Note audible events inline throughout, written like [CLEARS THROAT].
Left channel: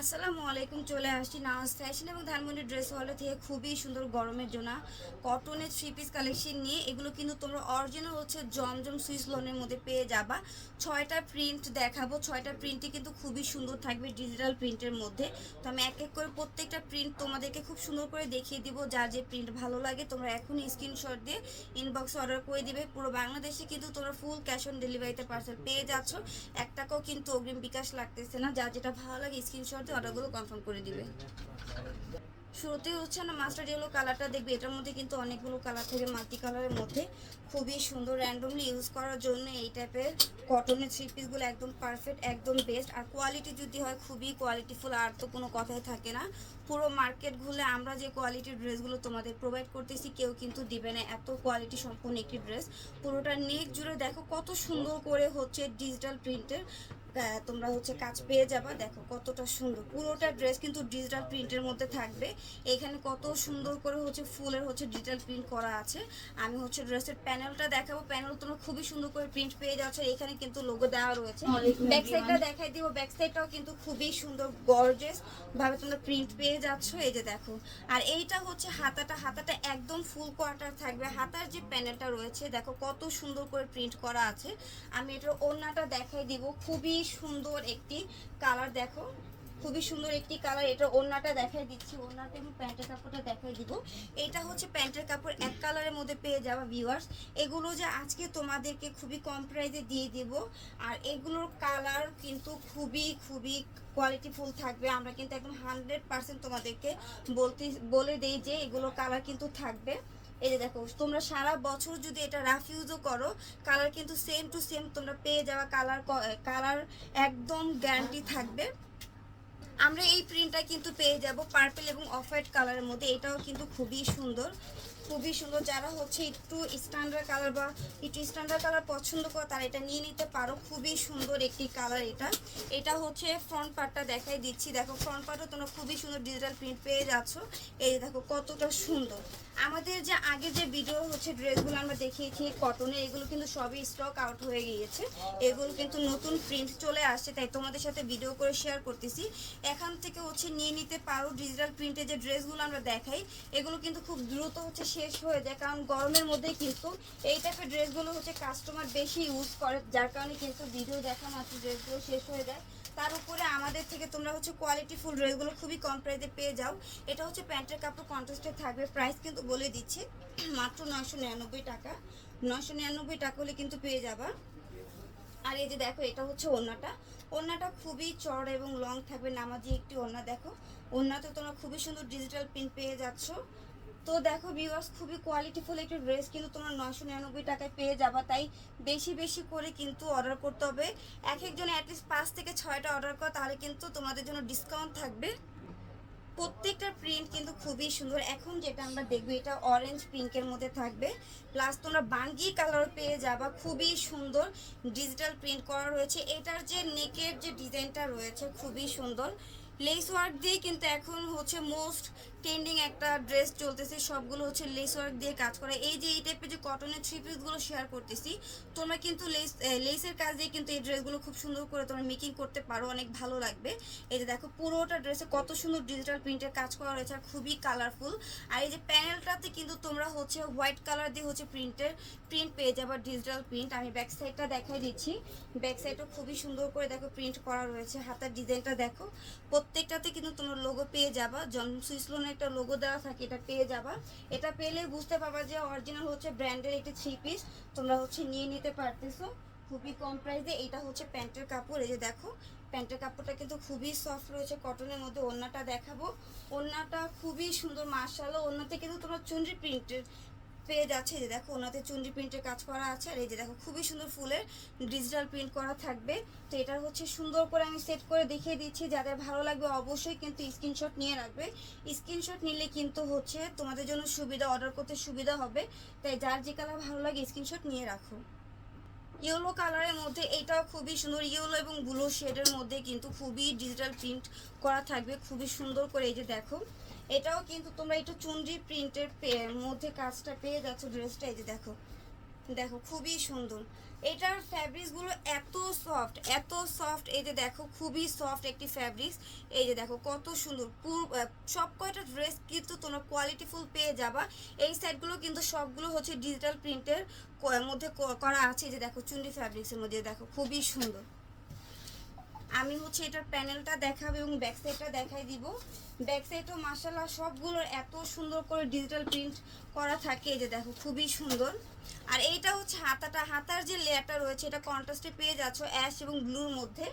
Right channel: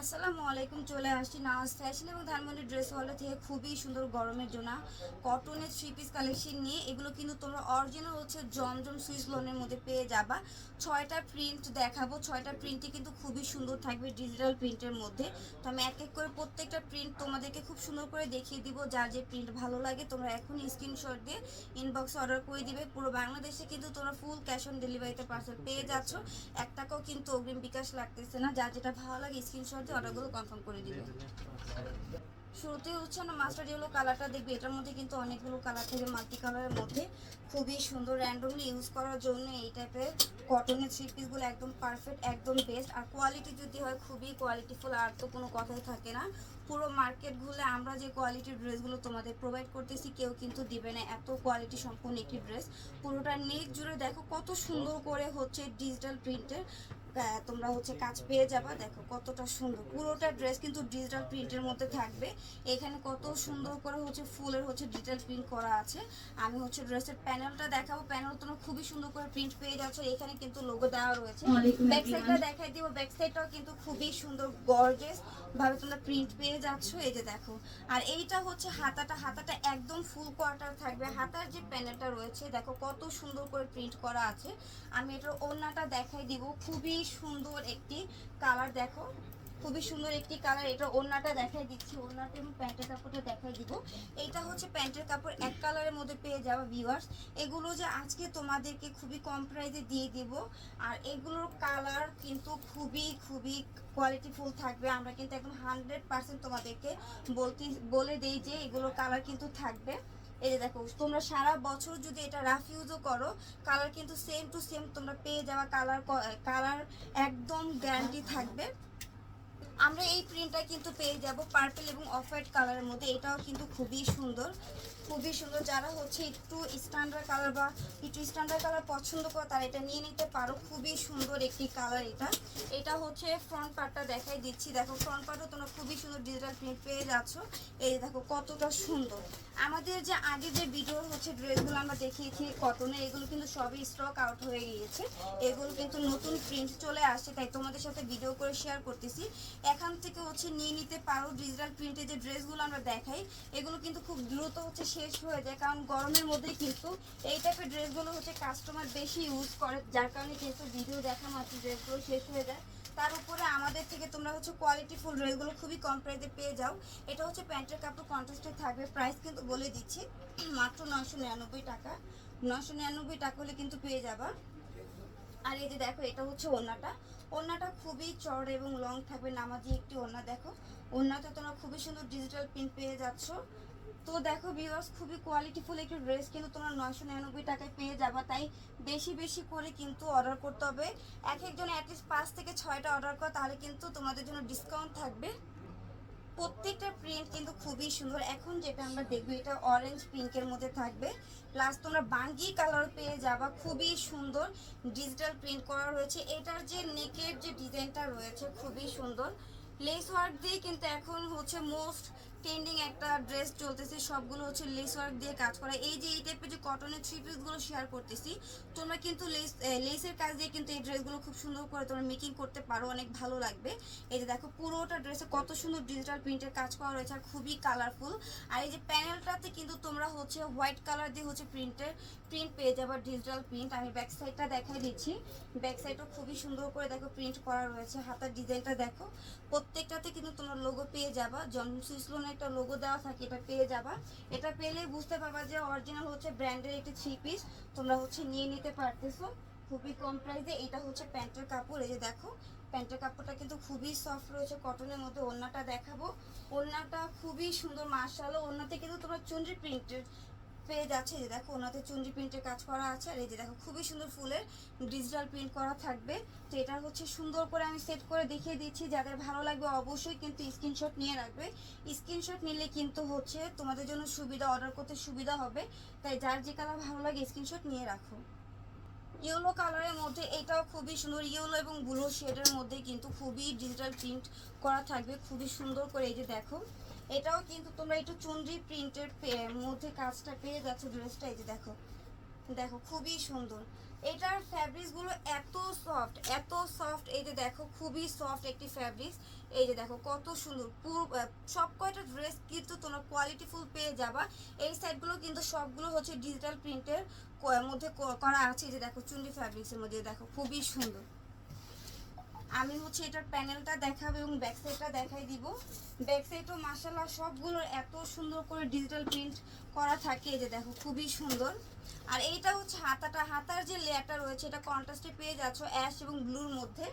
আসসালামু আলাইকুম, চলে আসছি নাজ ফ্যাশন এবং ধানমন্ডি ড্রেস হলে থেকে খুবই সুন্দর গরমের জন্য। কটনের থ্রি পিস কালেকশন নিয়ে এগুলো কিন্তু তোমরা অরিজিনাল হচ্ছে জমজম সুইস লোনের মধ্যে পেয়ে যাবা। ছয়টা প্রিন্ট দেখাবো, ছয়টা প্রিন্টই কিন্তু খুবই সুন্দর থাকবে ডিজিটাল প্রিন্টের মধ্যে। তো আমি এক এক করে প্রত্যেকটা প্রিন্ট তোমাদেরকে খুব সুন্দর করে দেখিয়ে দিব যার যে প্রিন্ট ভালো লাগে তোমরা এখনই স্ক্রিনশট দিয়ে ইনবক্স অর্ডার করে দিবে। পুরো বাংলাদেশে কিন্তু তোমরা ফুল ক্যাশ অন ডেলিভারিতে পার্সেল পেয়ে যাচ্ছ। এক টাকাও কিন্তু অগ্রিম বিকাশ লাগতেছে না যার যেটা ভালো লাগে স্ক্রিনশট দিয়ে অর্ডারগুলো কনফার্ম করে দিবে। শুরুতে হচ্ছে না মাস্টার ইয়েলো কালারটা দেখবে, এটার মধ্যে কিন্তু অনেকগুলো কালার থেকে মাল্টি কালারের মধ্যে। খুবই সুন্দর র্যান্ডমলি ইউজ করার জন্য এই টাইপের কটনের থ্রি পিসগুলো একদম পারফেক্ট একদম বেস্ট আর কোয়ালিটি যদি হয়, খুবই কোয়ালিটিফুল আর তো কোনো কথাই থাকে না। পুরো মার্কেট ঘুরলে আমরা যে কোয়ালিটির ড্রেসগুলো তোমাদের প্রোভাইড করতেছি, কেউ কিন্তু দিবে না। এত কোয়ালিটি সম্পূর্ণ একটি ড্রেস পুরোটা নেক জুড়ে দেখো কত সুন্দর করে হচ্ছে ডিজিটাল প্রিন্টের তোমরা হচ্ছে কাজ পেয়ে যাবা। দেখো কতটা সুন্দর। পুরোটা ড্রেস কিন্তু ডিজিটাল প্রিন্টের মধ্যে থাকবে। এখানে কত সুন্দর করে হচ্ছে ফুলের হচ্ছে ডিজিটাল প্রিন্ট করা আছে। আমি হচ্ছে ড্রেসের প্যানেলটা দেখাবো। প্যানেল তোমরা খুবই সুন্দর করে প্রিন্ট পেয়ে যাচ্ছ। এখানে কিন্তু লোগো দেওয়া রয়েছে। ব্যাক সাইডটা দেখাই দিব। ব্যাক সাইডটাও কিন্তু খুবই সুন্দর গর্জেস ভাবে তোমরা প্রিন্ট পেয়ে যাচ্ছ। এই যে দেখো। আর এইটা হচ্ছে হাতাটা। হাতাটা একদম ফুল কোয়ার্টার থাকবে। হাতার যে প্যানেলটা রয়েছে দেখো কত সুন্দর করে প্রিন্ট করা আছে। আমি এটার ওড়নাটা দেখাই দিব। খুবই সুন্দর একটি কালার দেখো। খুবই সুন্দর একটি কালার এটা ওড়নাটা দেখাই দিচ্ছি। ওড়নাটা আমি প্যান্টের কাপড়টা দেখাই দিব। এটা হচ্ছে প্যান্টের কাপড়। এক কালারের মধ্যে পেয়ে যাওয়া ভিউয়ার্স এগুলো যে আজকে তোমাদেরকে খুবই কম প্রাইসে দিয়ে দিব। আর এগুলোর কালার কিন্তু খুবই খুবই কোয়ালিটিফুল থাকবে। আমরা কিন্তু একদম হান্ড্রেড পার্সেন্ট তোমাদেরকে বলতে, বলে দিই যে এগুলোর কালার কিন্তু থাকবে। এই যে দেখো, তোমরা সারা বছর যদি এটা রাফিউজও করো কালার কিন্তু সেম টু সেম তোমরা পেয়ে যাওয়া কালার কালার একদম গ্যারান্টি থাকবে। আমরা এই প্রিন্টটা কিন্তু পেয়ে যাব পার্পল এবং অফ হোয়াইট কালারের মধ্যে, এটাও কিন্তু খুবই সুন্দর। খুবই সুন্দর। যারা হচ্ছে একটু স্ট্যান্ডার্ড কালার বা একটু স্ট্যান্ডার্ড কালার পছন্দ করো তারা এটা নিয়ে নিতে পারো। খুবই সুন্দর একটি কালার এটা। এটা হচ্ছে ফ্রন্ট পার্টটা দেখাই দিচ্ছি। দেখো ফ্রন্ট পার্টও তোমরা খুবই সুন্দর ডিজিটাল প্রিন্ট পেয়ে যাচ্ছ। এই দেখো, কতটা সুন্দর। আমাদের যে আগে যে ভিডিও হচ্ছে ড্রেসগুলো আমরা দেখিয়েছি কটনে এগুলো কিন্তু সবই স্টক আউট হয়ে গিয়েছে। এগুলো কিন্তু নতুন প্রিন্ট চলে আসছে, তাই তোমাদের সাথে ভিডিও করে শেয়ার করতেছি। এখান থেকে হচ্ছে নিয়ে নিতে পারো ডিজিটাল প্রিন্টের যে ড্রেসগুলো আমরা দেখাই, এগুলো কিন্তু খুব দ্রুত হচ্ছে শেষ হয়ে যায়, কারণ গরমের মধ্যে কিন্তু এই টাইপের ড্রেসগুলো হচ্ছে কাস্টমার বেশি ইউজ করে, যার কারণে কিন্তু ভিডিও দেখা মাত্র ড্রেসগুলো শেষ হয়ে যায়। তার উপরে আমাদের থেকে তোমরা হচ্ছে কোয়ালিটি ফুল ড্রেসগুলো খুবই কম প্রাইসে পেয়ে যাও। এটা হচ্ছে প্যান্টের কাপড় কন্ট্রাস্টে থাকবে। প্রাইস কিন্তু বলে দিচ্ছি, [CLEARS THROAT] মাত্র নয়শো নিরানব্বই টাকা। নয়শো নিরানব্বই টাকা হলে কিন্তু পেয়ে যাবা। আর এই যে দেখো, এটা হচ্ছে ওড়নাটা। ওড়নাটা খুবই চড় এবং লং থাকবে। নামাজি একটি ওড়না দেখো। ওড়নাতে তোমরা খুবই সুন্দর ডিজিটাল প্রিন্ট পেয়ে যাচ্ছ। তো দেখো ভিউয়ার্স খুবই কোয়ালিটিফুল একটি ড্রেস কিন্তু তোমরা নয়শো নিরানব্বই টাকায় পেয়ে যাবা, তাই বেশি বেশি করে কিন্তু অর্ডার করতে হবে। এক একজন অ্যাটলিস্ট পাঁচ থেকে ছয়টা অর্ডার করো, তাহলে কিন্তু তোমাদের জন্য ডিসকাউন্ট থাকবে। প্রত্যেকটা প্রিন্ট কিন্তু খুবই সুন্দর। এখন যেটা আমরা দেখব, এটা অরেঞ্জ পিঙ্কের মধ্যে থাকবে। প্লাস তোমরা বাঙ্গি কালার পেয়ে যাবা, খুবই সুন্দর ডিজিটাল প্রিন্ট করা রয়েছে। এটার যে নেকের যে ডিজাইনটা রয়েছে, খুবই সুন্দর। লেস ওয়ার্ক দিয়ে কিন্তু এখন হচ্ছে মোস্ট ট্রেন্ডিং একটা ড্রেস চলতেছে, সবগুলো হচ্ছে লেস ওয়ার্ক দিয়ে কাজ করা। এই যে এই টাইপের যে কটনের থ্রি পিসগুলো শেয়ার করতেছি, তোমরা কিন্তু লেস লেসের কাজ দিয়ে কিন্তু এই ড্রেসগুলো খুব সুন্দর করে তোমরা মেকিং করতে পারো, অনেক ভালো লাগবে। এই যে দেখো, পুরোটা ড্রেসে কত সুন্দর ডিজিটাল প্রিন্টের কাজ করা রয়েছে, আর খুবই কালারফুল আর এই যে প্যানেলটাতে কিন্তু তোমরা হচ্ছে হোয়াইট কালার দিয়ে হচ্ছে প্রিন্টের প্রিন্ট পেয়ে যাবে ডিজিটাল প্রিন্ট আমি ব্যাক সাইডটা দেখাই দিচ্ছি। ব্যাক সাইডও খুবই সুন্দর করে দেখো প্রিন্ট করা রয়েছে, হাতার ডিজাইনটা দেখো। প্রত্যেকটাতে কিন্তু তোমরা লোগো পেয়ে যাবা। জন্ম সুইসলোনের একটা লোগো দেওয়া থাকে, এটা পেয়ে যাবা। এটা পেলে বুঝতে পারবা যে অরিজিনাল হচ্ছে ব্র্যান্ডের একটি থ্রি পিস তোমরা হচ্ছে নিয়ে নিতে পারতেছো। খুবই কম প্রাইসে এটা হচ্ছে প্যান্টের কাপড়, এই যে দেখো। প্যান্টের কাপড়টা কিন্তু খুবই সফট রয়েছে কটনের মধ্যে ওড়নাটা দেখাবো। ওড়নাটা খুবই সুন্দর মার্শালো ওড়নাতে কিন্তু তোমরা চুনরি প্রিন্টের যাচ্ছে এই যে দেখো, ওনাতে চুনরি প্রিন্টের কাজ করা আছে। আর এই যে দেখো, খুবই সুন্দর ফুলের ডিজিটাল প্রিন্ট করা থাকবে। তো এটা হচ্ছে সুন্দর করে আমি সেট করে দেখিয়ে দিচ্ছি। যাদের ভালো লাগবে অবশ্যই কিন্তু স্ক্রিনশট নিয়ে রাখবে। স্ক্রিনশট নিলে কিন্তু হচ্ছে তোমাদের জন্য সুবিধা অর্ডার করতে সুবিধা হবে। তাই যার যে কালার ভালো লাগে স্ক্রিনশট নিয়ে রাখো। ইয়েলো কালারের মধ্যে এটাও খুবই সুন্দর। ইয়েলো এবং ব্লু শেডের মধ্যে কিন্তু খুবই ডিজিটাল প্রিন্ট করা থাকবে। খুবই সুন্দর করে এই যে দেখো। এটাও কিন্তু তোমরা একটু চুনরি প্রিন্টের মধ্যে কাজটা পেয়ে যাচ্ছ ড্রেসটা, এই যে দেখো। দেখো, খুবই সুন্দর। এটার ফ্যাব্রিক্সগুলো এত সফট এত সফট, এই যে দেখো, খুবই সফট একটি ফ্যাব্রিক্স। এই যে দেখো, কত সুন্দর। পুরো সব কয়টা ড্রেস কিন্তু তোমরা কোয়ালিটিফুল পেয়ে যাবা। এই সাইডগুলো কিন্তু সবগুলো হচ্ছে ডিজিটাল প্রিন্টের মধ্যে করা আছে। এই যে দেখো চুন্ডি ফ্যাব্রিক্সের মধ্যে, দেখো, খুবই সুন্দর। আমি হচ্ছে এটার প্যানেলটা দেখাবো এবং ব্যাক সাইডটা দেখাই দিব। ব্যাক সাইডও মাসাল্লাহ সবগুলোর এত সুন্দর করে ডিজিটাল প্রিন্ট করা থাকে যে দেখো, খুবই সুন্দর। আর এইটা হচ্ছে হাতাটা, হাতার যে লেয়ারটা রয়েছে, এটা কন্ট্রাস্টে পেয়ে যাচ্ছ অ্যাশ এবং ব্লুর মধ্যে।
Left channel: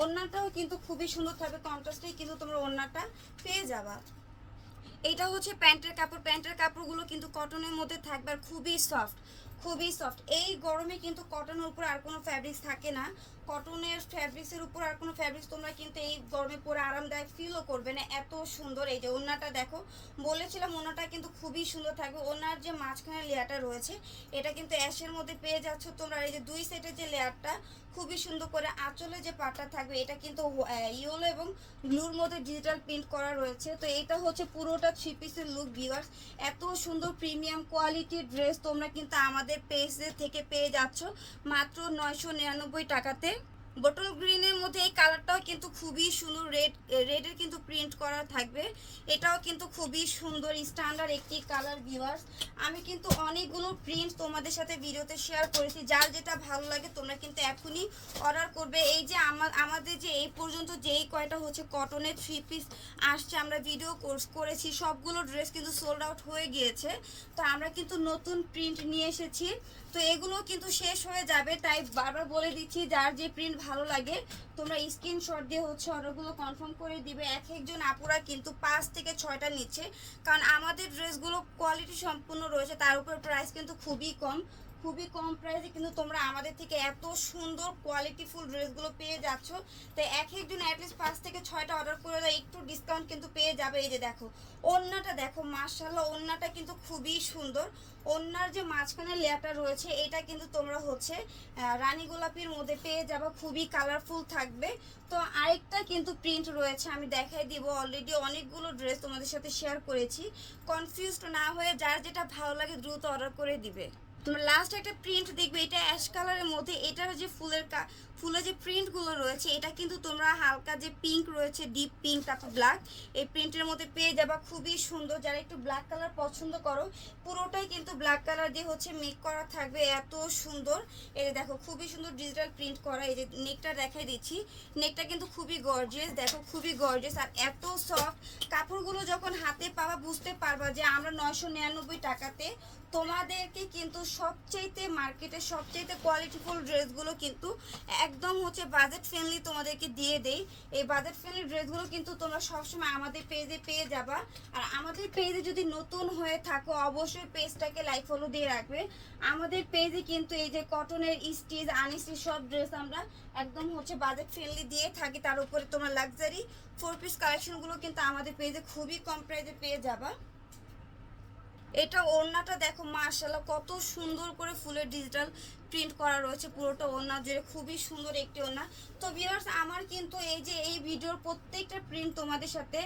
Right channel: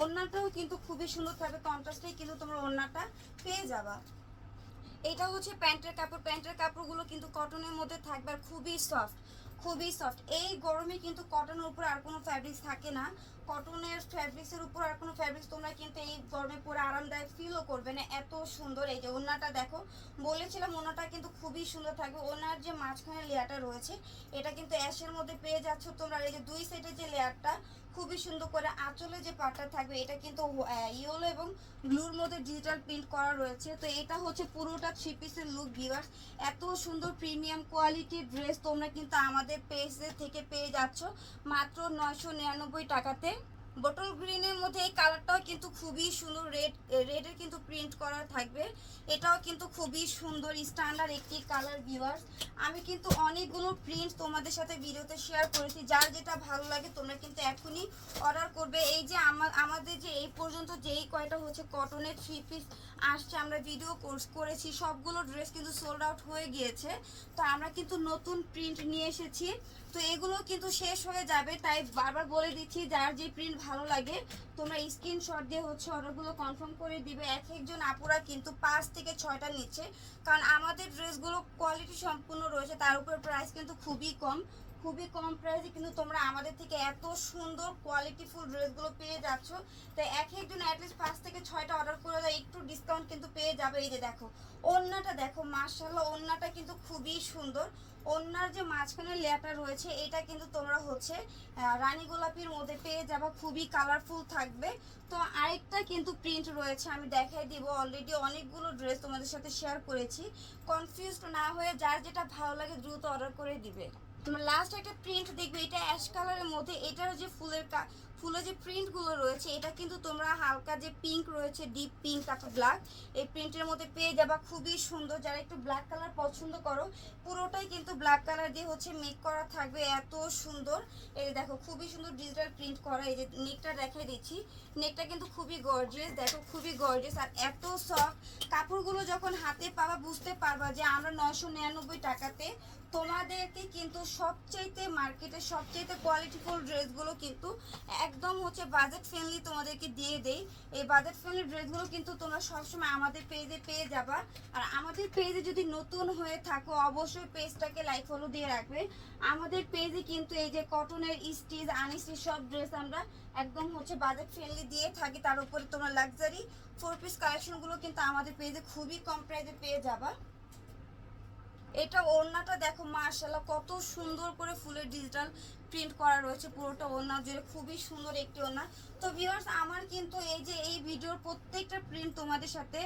ওড়নাটাও কিন্তু খুবই সুন্দর থাকবে কন্ট্রাস্টেই কিন্তু তোমরা ওড়নাটা পেয়ে যাবা। এটা হচ্ছে প্যান্টের কাপড়, প্যান্টের কাপড়গুলো কিন্তু কটনের মধ্যে থাকবে, আর খুবই সফট খুবই সফট এই গরমে কিন্তু কটনের উপর আর কোনো ফ্যাব্রিক্স থাকে না। কটনের ফ্যাব্রিক্সের উপর আর কোনো ফ্যাব্রিক্স তোমরা কিন্তু এই গরমে পরে আরামদায়ক ফিলও করবে না। এত সুন্দর এই যে ওড়নাটা দেখো। বলেছিলাম ওড়নাটা কিন্তু খুবই সুন্দর থাকবে। ওনার যে মাঝখানে লেয়ারটা রয়েছে, এটা কিন্তু অ্যাশের মধ্যে পেয়ে যাচ্ছ তোমরা। এই যে দুই সাইডের যে লেয়ারটা খুবই সুন্দর করে আঁচলে যে পাটটা থাকবে, এটা কিন্তু ইয়েলো এবং ব্লুর মধ্যে ডিজিটাল প্রিন্ট করা রয়েছে। তো এটা হচ্ছে পুরোটা থ্রি পিসের লুক ভিউয়ার্স এত সুন্দর প্রিমিয়াম কোয়ালিটির ড্রেস তোমরা কিন্তু আমাদের পেজে থেকে পেয়ে যাচ্ছ। মাত্র নয়শো নিরানব্বই টাকাতে বটল গ্রিনের মধ্যে এই কালারটাও কিন্তু খুবই সুন্দর রেড রেডের কিন্তু প্রিন্ট করা থাকবে। এটাও কিন্তু খুবই সুন্দর স্ট্যান্ডার্ড একটি কালার ভিউয়ার্স আমি কিন্তু অনেকগুলো প্রিন্ট তোমাদের সাথে ভিডিওতে শেয়ার করেছি। যার যেটা ভালো লাগে তোমরা কিন্তু এখনই অর্ডার করবে। এই যে আমা- আমাদের যে এই পর্যন্ত যেই কয়টা হচ্ছে কটনের থ্রি পিস আসছে, আমরা ভিডিও কোর্স করেছি। সবগুলো ড্রেস কিন্তু সোল্ড আউট হয়ে গিয়েছে। তো আমরা কিন্তু নতুন প্রিন্ট নিয়ে এসেছি। তো এগুলো কিন্তু শেষ হয়ে যাবে, তাই বারবার বলে দিচ্ছি, যার যে প্রিন্ট ভালো লাগে, তোমরা স্ক্রিনশট দিয়ে হচ্ছে অর্ডারগুলো কনফার্ম করে দিবে। এক একজন আপুরা কিন্তু পাঁচ থেকে ছয়টা নিচ্ছে। কারণ আমাদের ড্রেসগুলো কোয়ালিটি সম্পূর্ণ রয়েছে, তার উপর প্রাইস কিন্তু খুবই কম। খুবই কম প্রাইসে কিন্তু তোমরা আমাদের থেকে এত সুন্দর কোয়ালিটিফুল ড্রেসগুলো পেয়ে যাচ্ছ। তো এক একজন অ্যাটলিস্ট পাঁচ থেকে ছয়টা অর্ডার করে দেয় একটু ডিসকাউন্ট কিন্তু পেয়ে যাবে। এই যে দেখো, ওড়নাটা দেখো মার্শাল্লাহ ওড়নাটা কিন্তু খুবই সুন্দর। ওড়নার যে মাঝখানে লেয়ারটা রয়েছে, এটা কিন্তু তোমরা হচ্ছে রানী গোলাপির মধ্যে পেয়ে যাবা, খুবই কালারফুল থাকবে। তো আরেকটা কিন্তু প্রিন্ট রয়েছে, আমি দেখাই দিব। অলরেডি অনেকগুলো ড্রেস তোমাদের সাথে শেয়ার করেছি। কনফিউজড না হয়ে যার যেটা ভালো লাগে দ্রুত অর্ডার করে দিবে। তোমরা লাস্ট একটা প্রিন্ট দেখবে এটা অ্যাশ কালারের মধ্যে এটা হচ্ছে ফুলের ফুলের যে প্রিন্টগুলো রয়েছে, এটা কিন্তু তোমরা হালকা যে পিঙ্ক রয়েছে ডিপ পিঙ্ক তারপর ব্ল্যাক এই প্রিন্টের মধ্যে পেয়ে যাবা। খুবই সুন্দর, যারা একটু ব্ল্যাক কালার পছন্দ করো, পুরোটাই কিন্তু ব্ল্যাক কালার দিয়ে হচ্ছে মেক করা থাকবে, এত সুন্দর। এই যে দেখো, খুবই সুন্দর ডিজিটাল প্রিন্ট করা, এই যে নেকটা দেখাই দিচ্ছি। নেকটা কিন্তু খুবই গর্জিয়াস দেখো, খুবই গর্জিয়াস আর এত সফট কাপড়গুলো যখন হাতে পাবা, বুঝতে পারবা যে আমরা নয়শো নিরানব্বই টাকাতে তোমাদেরকে কিন্তু সবচাইতে মার্কেটে সবচাইতে কোয়ালিটিফুল ড্রেসগুলো কিন্তু একদম হচ্ছে বাজেট ফ্রেন্ডলি তোমাদেরকে দিয়ে দেই। এই বাজেট ফ্রেন্ডলি ড্রেসগুলো কিন্তু তোমরা সবসময় আমাদের পেজে পেয়ে যাবা। আর আমাদের পেজে যদি নতুন হয়ে থাকো, অবশ্যই পেজটাকে লাইক ফলো দিয়ে রাখবে। আমাদের পেজে কিন্তু এই যে কটনের স্টিচ আনস্টিচ সব ড্রেস আমরা একদম হচ্ছে বাজেট ফ্রেন্ডলি দিয়ে থাকি। তার উপরে তোমরা লাক্সারি ফোর পিস কালেকশনগুলো কিন্তু আমাদের পেজে খুবই কম প্রাইসে পেয়ে যাবা। এটা ওড়নাটা দেখো মার্শাল্লাহ কত সুন্দর করে ফুলের ডিজিটাল প্রিন্ট করা রয়েছে, পুরোটা ওড়না জুড়ে খুবই সুন্দর একটি ওড়না। তো ভিউয়ার্স আমার কিন্তু এই যে এই ভিডিওর প্রত্যেকটা প্রিন্ট তোমাদের সাথে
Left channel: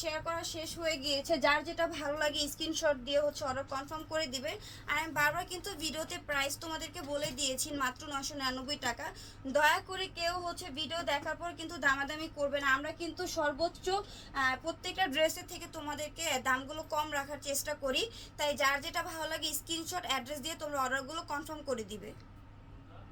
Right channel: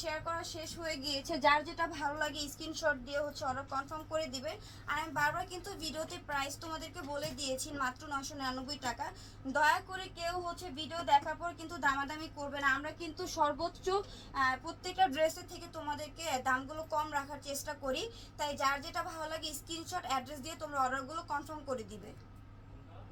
শেয়ার করা শেষ হয়ে গিয়েছে। যার যেটা ভালো লাগে স্ক্রিনশট দিয়ে হচ্ছে অর্ডার কনফার্ম করে দিবে। আর আমি বারবার কিন্তু ভিডিওতে প্রাইস তোমাদেরকে বলে দিয়েছি, মাত্র নশো নিরানব্বই টাকা। দয়া করে কেউ হচ্ছে ভিডিও দেখার পর কিন্তু দামাদামি করবে না। আমরা কিন্তু সর্বোচ্চ প্রত্যেকটা ড্রেসের থেকে তোমাদেরকে দামগুলো কম রাখার চেষ্টা করি। তাই যার যেটা ভালো লাগে স্ক্রিনশট অ্যাড্রেস দিয়ে তোমরা অর্ডারগুলো কনফার্ম করে দিবে।